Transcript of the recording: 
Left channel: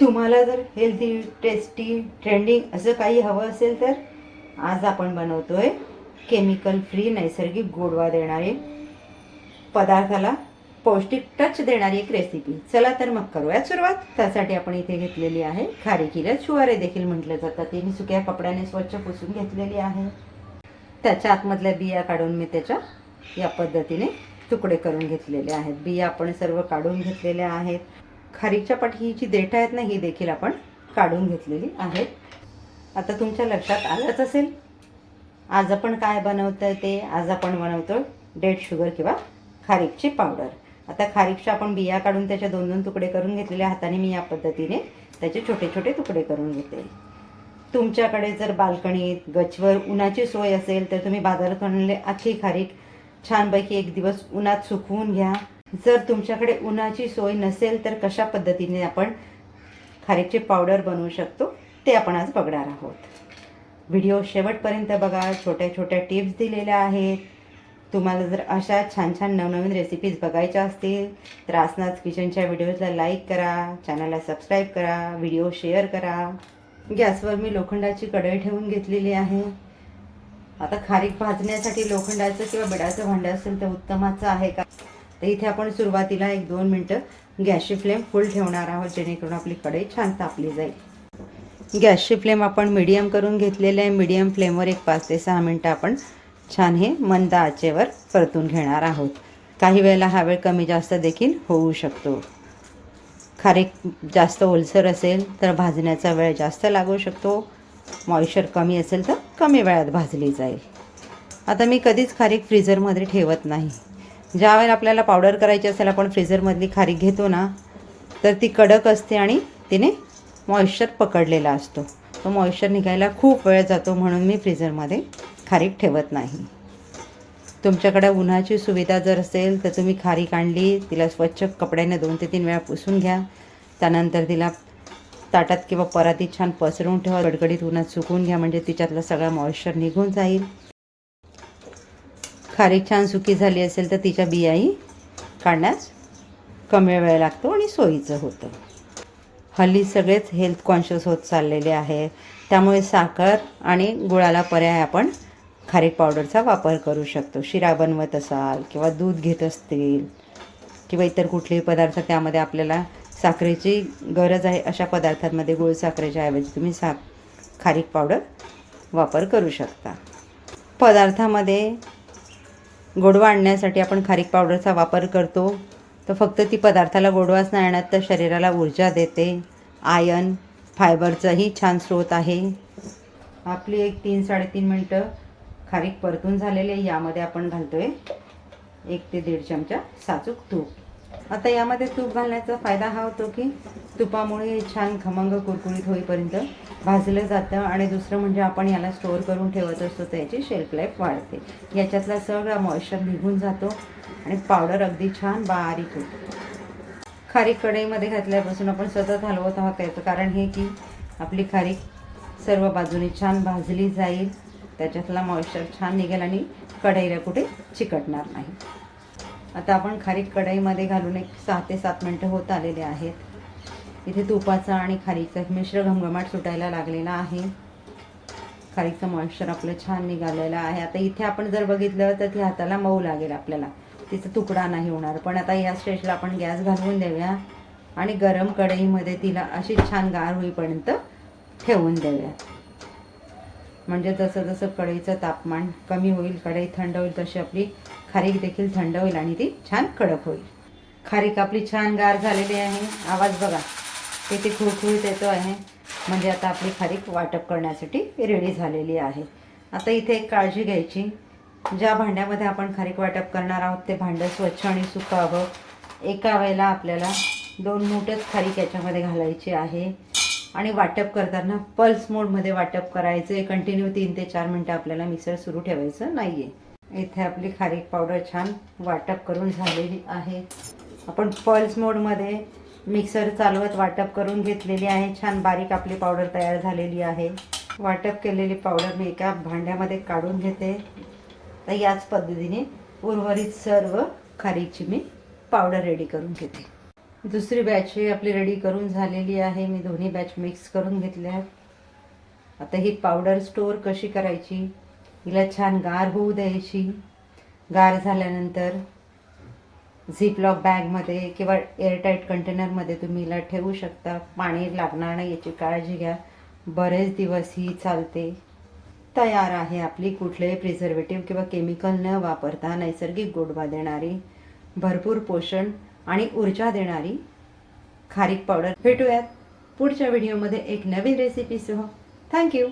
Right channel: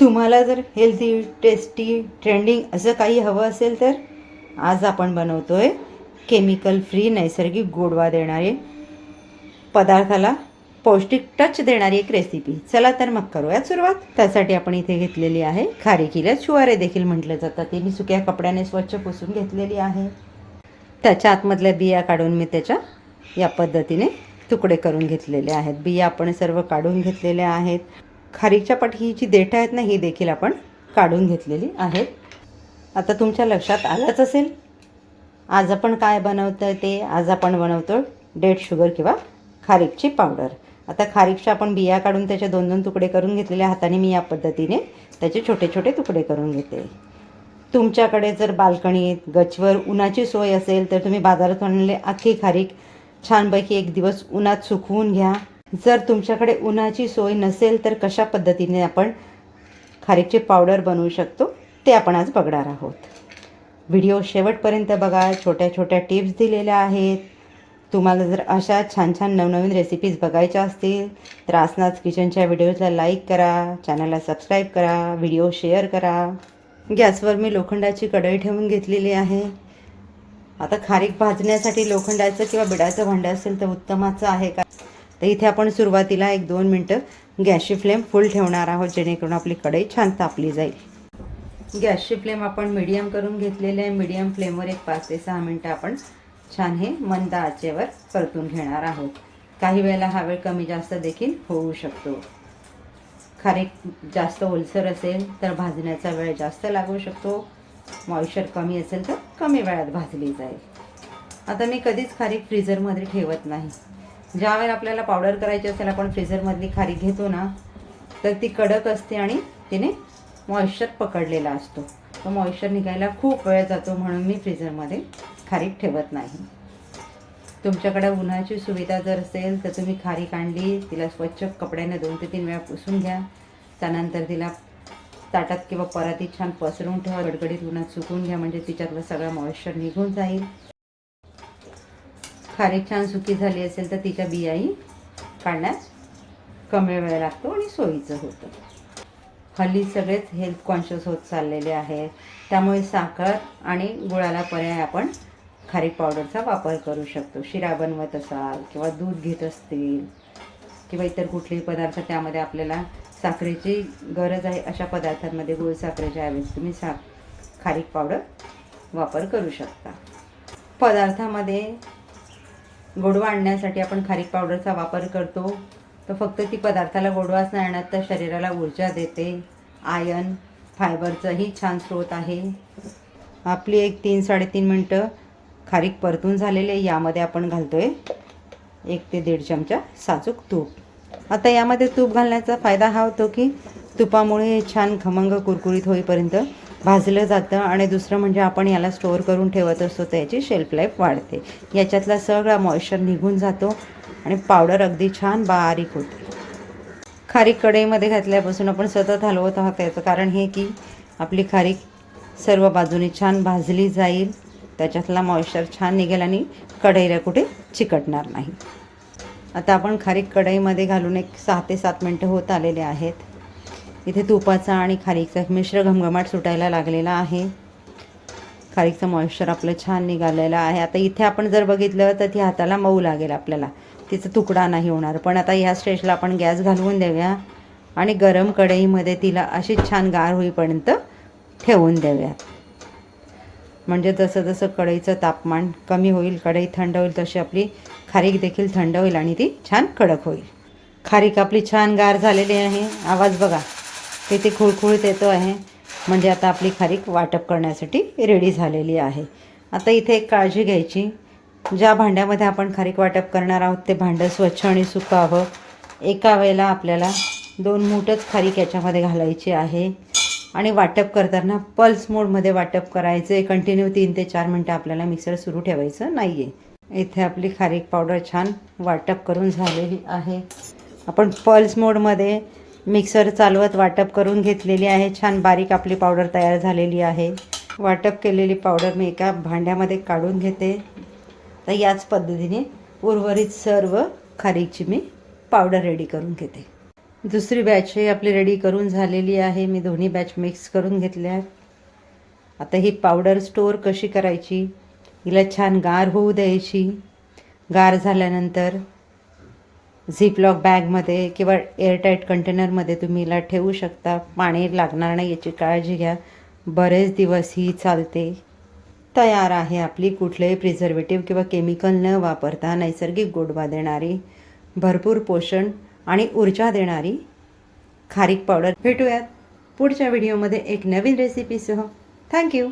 तुम्हाला जर healthy, tasty, trending असं काही हवं असेल तर आज आपण बनवतोय केमिकल फ्री नैसर्गिक गोडवा देणारे, पदार्थाला पौष्टिक टच देणारी एक रेसिपी. चला तर मग करूयात सुरुवात. त्यासाठी आपण इथे घेतलेली आहे खारीकीला शुवारे देखील म्हटलं जातं. ते मी सुक्या कपड्याने स्वच्छ पुसून घेतलेली आहे. त्याच्या आतमधल्या बिया काढून मी त्याच्या या पद्धतीने तुकडे करून घेतलेले आहेत. बिया आपण सर्व काढून घेतलेल्या आहेत. खारीकच्या पाठी ही जी देठं आहेत ना, ही देखील आपण काढून घेतलेली आहेत. आता तुमच्या लक्षात आलंच असेल आज आपण काय बनवतोय ते. आज आपण बनवतो डेट शुगर किंवा खारीकची पावडर. आता खारीकच्या आपण बिया काढून त्याचे 2-2 तुकडे करून घेतलेल्या हाताने मी या पद्धतीने त्याचे छोटे छोटे तुकडे करून घेते. तुमच्याकडे जर बाल्कनीत, गच्चीवर उन्हाची सोय असेल तर तुम्ही बाजारात आणलेले अख्खी खारीक छानपैकी एक दिवस उन्हात सुकवून घ्या. जर तुमच्याकडे उन्हाची सोय नसेल तर कशा पद्धतीने आपण खारीकची पावडर बनवू शकतो ते आपण आज बघणार आहोत. व्हिडिओ शेवटपर्यंत बघा. छोट्या छोट्या टिप्स दिलेल्या आहेत. तुम्हाला जर अशा छान छान नवनवीन रेसिपीज बघायच्या असतील तर आसनाच किचनच्या व्हिडिओजला लाईक करा, चॅनलला सबस्क्राईब करा, व्हिडिओ शेअर करा. गॅसवर मी लोखंडाची कढई ठेवून घेतलेली आहे. आता खारीक भाजण्यासाठी लोखंडाचं किंवा बिडाचं भांडं असेल तर उत्तमाचं आहे का. तर इथे आपण सुरुवातीला 1-2 मिनटं गॅसची फ्लेम फुल ठेवणार आहोत, जेणेकरून आपली कढई छान तापली जाईल. गॅसची फ्लेम आपण मीडियम करून घेतलेली आहे. मीडियम फ्लेमवर 5 ते 6 मिनटं आपण छान हे मंद आचेवर परतून घेणार आहोत. काही वेळेला हा वेळ कमी जास्त देखील होऊ शकतो. खारीक जास्त ओलसर असेल तर भाजण्याचा वेळ जास्त लागू शकतो. मॉइश्चर कमी असेल तर कमी वेळात भाजली जाईल. आता मी कधीच खारीक फ्रीझरमध्ये ठेवत नाही. ज्या वेळेला आपल्याला पावडर करायची असेल आपण फ्रीझरमधली खारीक घेतो ना, तर ती कडक असते आणि तिने मॉइश्चर पकडलेला असतो. तो मॉइश्चर निघायला खूप वेळ जातो, म्हणून मी फ्रीझरमध्ये खारीक ठेवत नाही. तुमच्याकडे उन्हाची सुविधा जर असेल तर तुम्ही खारीक आणली, तिला स्वच्छ कपड्याने 2 ते 3 वेळा पुसून घ्या. त्यानंतर तिला ताटात किंवा परातीत छान पसरवून ठेवा. गडगडीत उन्हात सुकवून घ्या, म्हणजे तिच्यातला सगळा मॉइश्चर निघून जाईल. खारीक छान सुकी झाली असेल तर तिच्या बियाही काढण्यास कमी वेळ लागतो आणि सोयीचं होतं. हल्ली सगळेच हेल्थ कॉन्शियस होत चाललेले आहेत, त्यामुळे साखर आणि गुळाला पर्याय आपण खारीक पावडरचा वापर करू शकतो. शिरा बनवत असाल किंवा दूध घेत असतील किंवा इतर कुठलेही पदार्थ त्यामध्ये आपल्याला साखरेची गरज आहे, अशा पदार्थांमध्ये गुळ साखरेच्या ऐवजी तुम्ही खारीक पावडर वापर करू शकता. पदार्थामध्ये गोडवा आणण्यासाठी आपण खारीक पावडरचा वापर करतो, तर फक्त ती पदार्थाला गोडवाच नाही आणत तर शरीराला ऊर्जा देते. आयर्न, फायबरचाही छान स्रोत आहे. आपली 3-3.5 मिनटं खारीक परतून झालेले. यामध्ये आपण घालतोय 1 ते 1.5 चमचा साजूक तूप. आता यामध्ये तूप घालण्याचा फायदा हा होतो की तुपामुळे छान खमंग कुरकुरीत होईपर्यंत भाजलं जातं. आणि दुसरं म्हणजे आपण याला स्टोअर करून ठेवत असतो, तर याची शेल्फ लाईफ वाढते. याच्यातला सगळा मॉइश्चर निघून जातो आणि पावडर अगदी छान बारीक होते. खारीक कढईमध्ये घातल्यापासून आपण सतत हलवत आहोत. याचं कारण हे की आपली खारीक सर्व बाजूने छान भाजली जाईल, त्याच्यातला मॉइश्चर छान निघेल आणि कढईला कुठे चिकटणार नाही. आता आपण खारीक कढईमध्ये घालून 6 ते 7 मिनटं होत आलेले आहेत. इथे तुपाचा आणि खारीकचा मिश्र घमघमाट सुटायला लागलेला आहे. खारीकचं मॉइश्चर आपलं छान निघालेलं आहे. आता इथे आपण जर बघितलं तर ती हाताला मऊ लागेल आपल्याला, तिचा तुकडा नाही होणार. पण आता ह्या स्टेजला आपण गॅस घालवून देऊया आणि गरम कढईमध्ये तिला अशी छान गार होईपर्यंत ठेवून देऊयात. म्हणजे जसं जसं कढईचं तापमान कमी होईल, कढई थंड होईल, तशी आपली खारीक देखील थंड होईल आणि ती छान कडक होईल. खारीक आपली छान गार झालेली आहे. आवाज बघा, तिथे खुळखुळीत येतो आहे, म्हणजे आता आपली खारीक वाटप करण्यासाठी रेडी झालेली आहे. आता इथे एक काळजी घ्यायची, ज्या भांड्यामध्ये आपण खारीक वाटप करणार आहोत ते भांडं स्वच्छ आणि सुकावं. एका वेळेला आपल्याला 2 मूठच खारीक याच्यामध्ये घालायची आहे आणि वाटप करताना पल्स मोडमध्ये वाटप करायचं आहे. कंटिन्यू 3 ते 4 मिनटं आपल्याला मिक्सर सुरू ठेवायचं नाही आहे. इथे आपली खारीक पावडर छान वाटप करून झालेली आहे. आपण पल्स मोडमध्ये मिक्सर चालवत वाटप करून घेतलेली आहे. छान बारीक आपली पावडर तयार झालेली आहे. वाटप केलेली पावडर मी एका भांड्यामध्ये काढून घेते. तर याच पद्धतीने उर्वरित सर्व खारीकची मी पावडर रेडी करून घेते. दुसरी बॅचही आपली रेडी करून झालेली आहे. मी दोन्ही बॅच मिक्स करून घेतल्या आहेत. आता ही पावडर स्टोअर कशी करायची, हिला छान गार होऊ द्यायची. गार झाल्यानंतर झिपलॉक बॅगमध्ये किंवा एअरटाईट कंटेनरमध्ये तुम्ही हिला ठेवू शकता. पाणी लागणार नाही याची काळजी घ्या. बरेच दिवस ही चालते. तयार आहे आपली कुठलेही प्रिझर्वेटिव्ह किंवा केमिकल न वापरता नैसर्गिक गोडवा देणारी, भरपूर पोषण आणि ऊर्जा देणारी खारीक पावडर. भेटूयात पुढच्या व्हिडिओमध्ये एक नवीन रेसिपीसह. थँक्यू.